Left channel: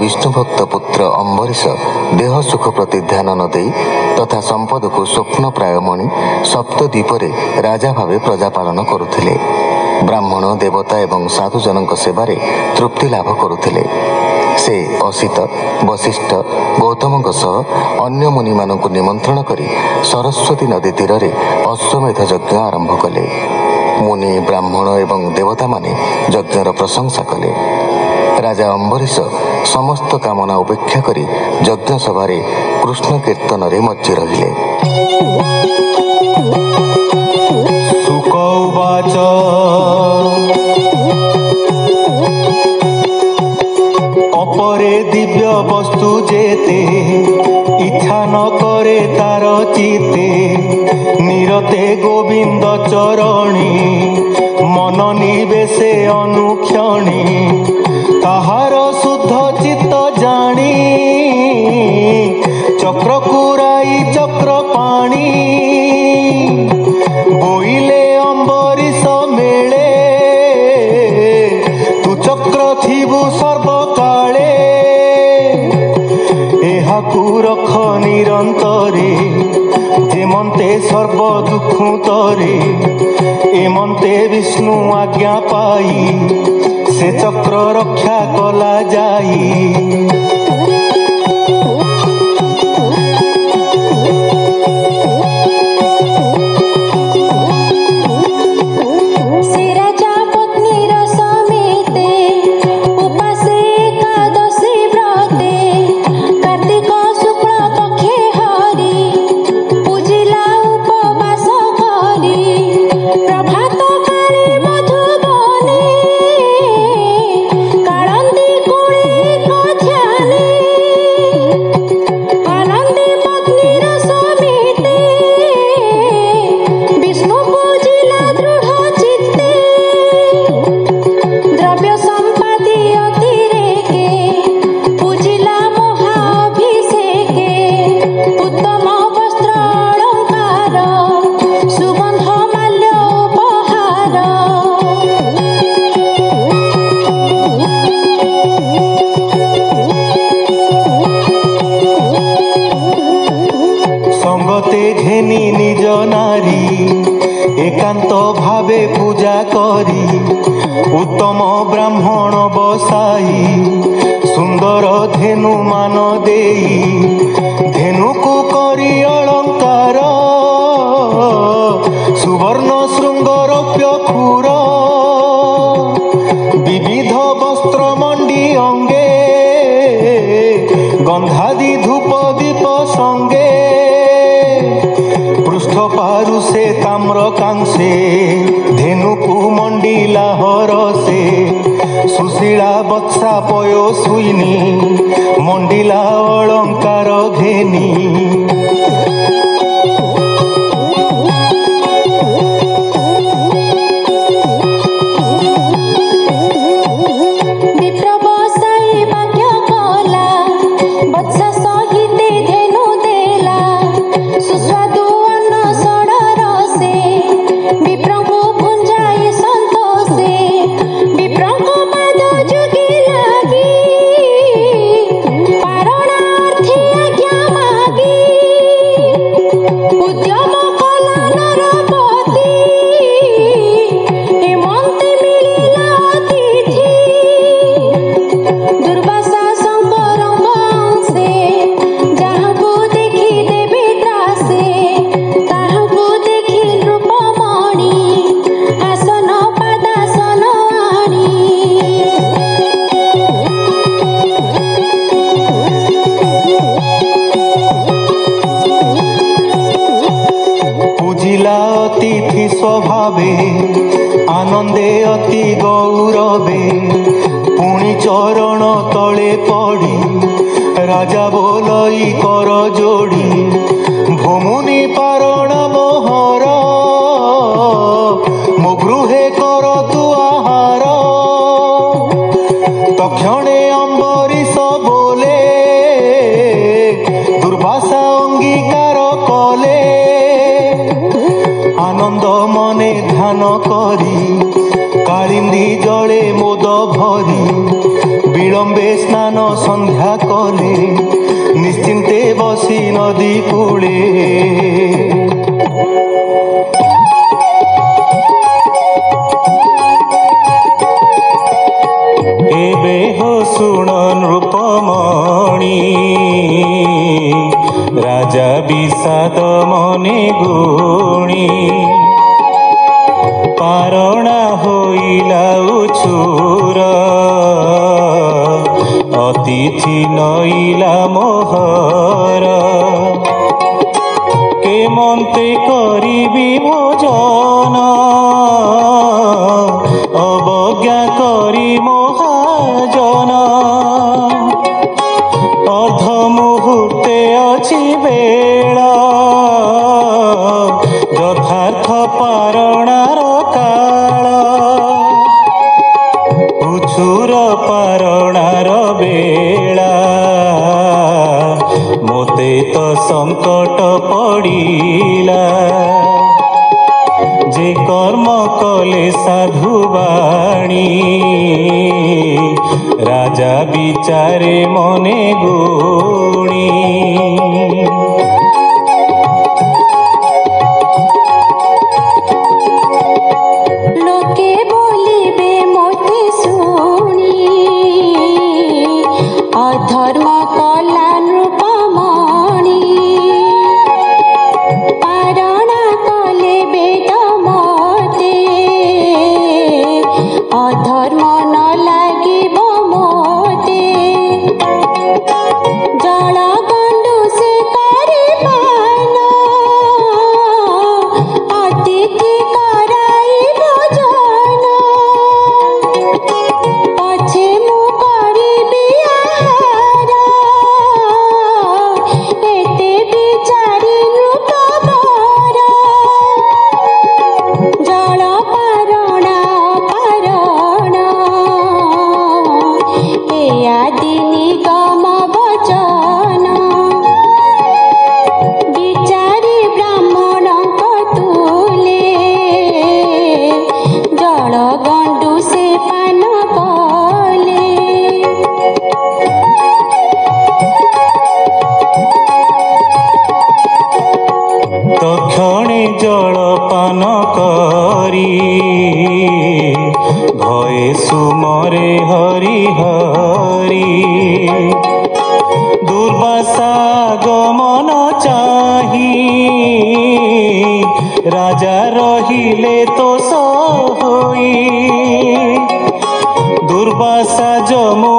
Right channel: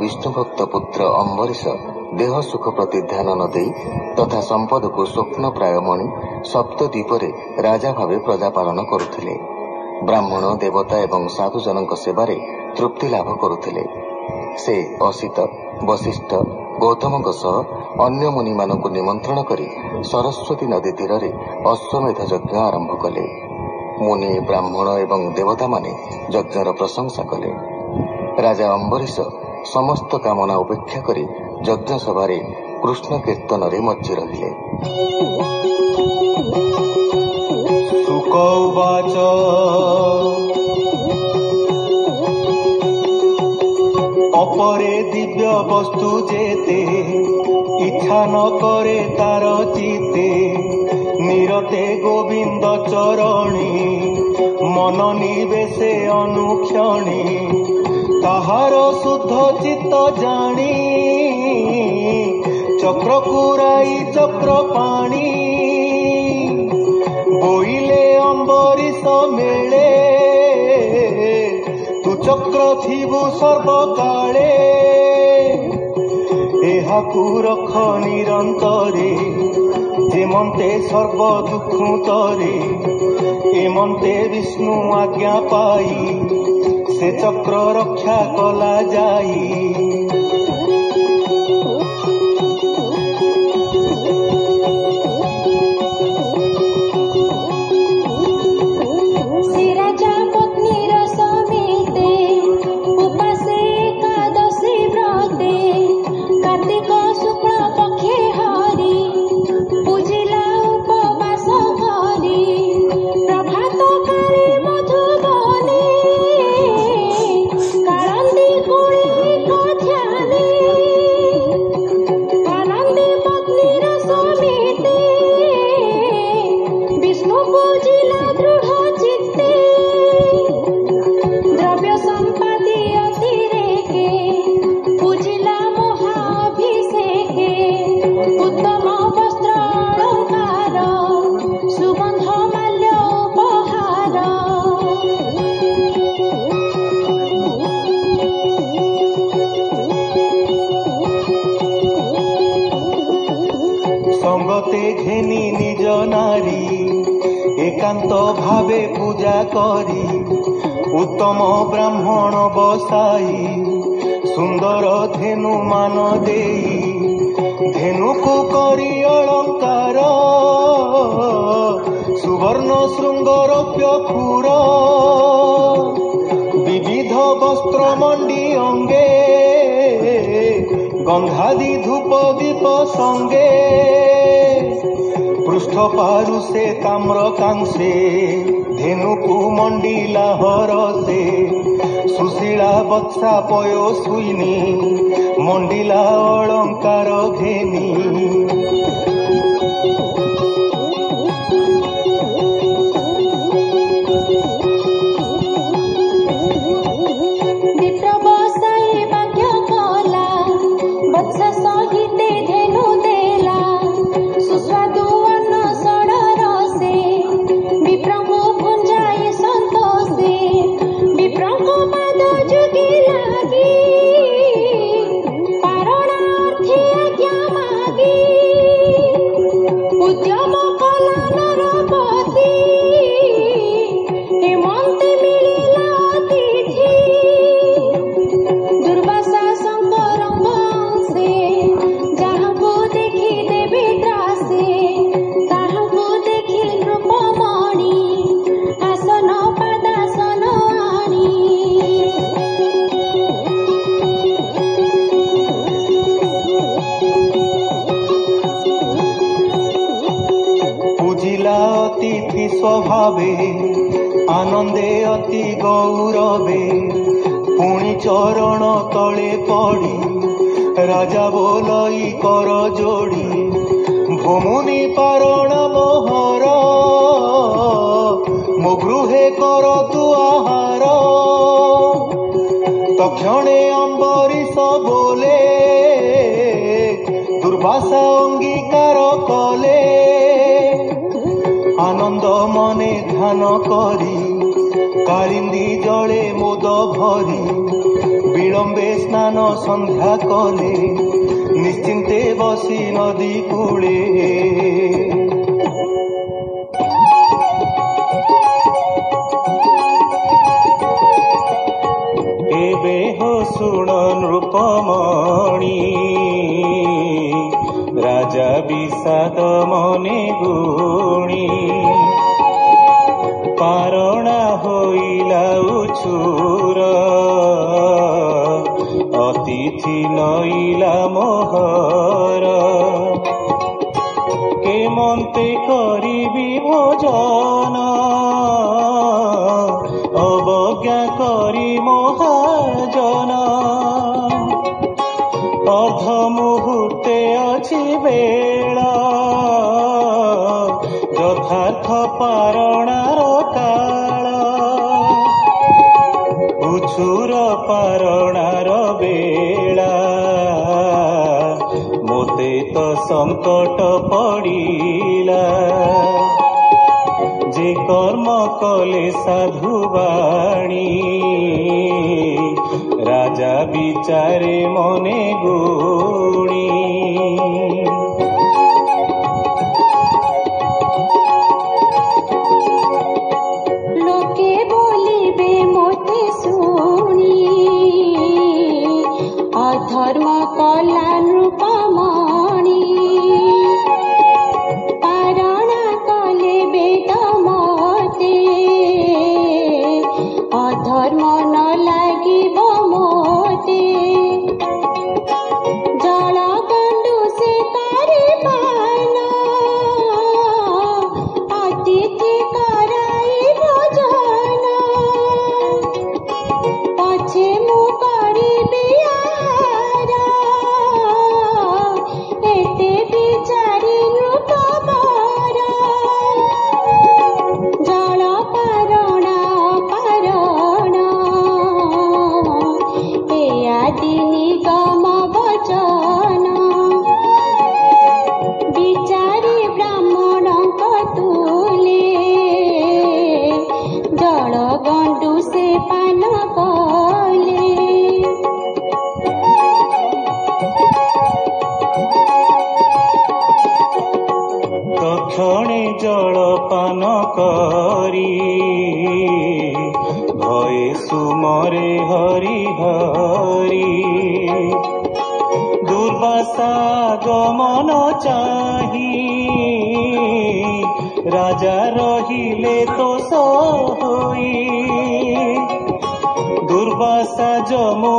विष्णुभक्त पुत्र अम्बरीश देह सुख प्रति ध्यान न दे तथा संपद को स्वप्न प्राय मणि सप्तद्वीपरे राजा भावे प्रजा पालन करुथिले। ब्राह्मण देवता एवं साधुजनक सेवारे तृप्ति लाभ करुथिले। से असित वशिष्ठ गौतमଙ୍କ सह अन्य मुनि मानଙ୍କୁ निमंत्रण करी सरस्वती नदी तीर अश्वमेध यज्ञ आरंभ कले। मुनि ब्राह्मण एवं देवता माने यज्ञर प्रशंसा कले। राजा अम्बरीश समस्त कामना उपेक्षा करी यज्ञ सभारे कृष्ण कीर्तन रे मज्जी रहिले। सुकौवाच अपरे दिव्य वस्तु जेते इच्छा न करे तार चिते निरते गोविंद चरणी मन निवेशे अनुक्षणी ताहार शुद्ध चित्त जानी चक्र कुराई चक्र पाणी बोइले अम्बरीश मेले तू चक्र थिबु सर्वकाले एहाकु रख निरंतरे जेमंते सर्व दुख तरे एमंते विष्णु आज्ञा पाई से चक्र रक्षा कला जाई। एकांत भावे पूजा करी उत्तम ब्राह्मण बसाई सुंदर धेनु मान देई धेनु को करी अलंकार सुवर्ण श्रृंग रौप्य खुर विविध वस्त्र मंडी अंगे गंधादि धूप दीप संगे पृष्ठ पारु से ताम्र कांसे धेनुकु मंडिला हरसे सुशीला बत्सा पयो सुईनी मंडिला अलंकार घेनी विप्रभु पुंजाए संतोषे विप्रभु पाद भवे आनंदे अति गौरवे पुणी चरण तले पड़ी राजा बोलई कर जोड़ी भूमुनि पारण मोहर मो गृहे कर तु आहार तक्षणे अम्बरीश बोले दुर्वासा अंगीकार कले आनंद मने ध्यान करी कालिंदी जले मोद भरी विलंबे स्नान संध्या कले निश्चिंते बसी नदी कूले एबे हो सुण नृपमणि राजा विषाद मने गुणी पारणा होइला उछुर अतिथि नइला मोहर केमन्ते करिबि भोजन अवज्ञा करी महाजन अर्ध मुहूर्ते अछि बेला यथार्थ पारणार काल उछुर पारणार बेला मोते तो संकट पड़िला जे कर्म कले साधुवाणी राजा विचारे मने गुणी लोके बोलिबे मोते शुणी अधर्म कला नृपमणि पारणा कले बेद मते अधर्म न लागिब मोते जल गंडु से करी पान अतिथि कराई भोजन पछे मु करिबि आहार एते बिचारी नृपवर जल पारणा पारण ए आदि निगम वचन बिचारी ब्राह्मण तुले जल गंडु से पान कले तक्षणे जलपान करी भये सुमरे हरि हरि दुर्वासा गमन चाही राजा रहिले तो सोई दुर्वासा जमु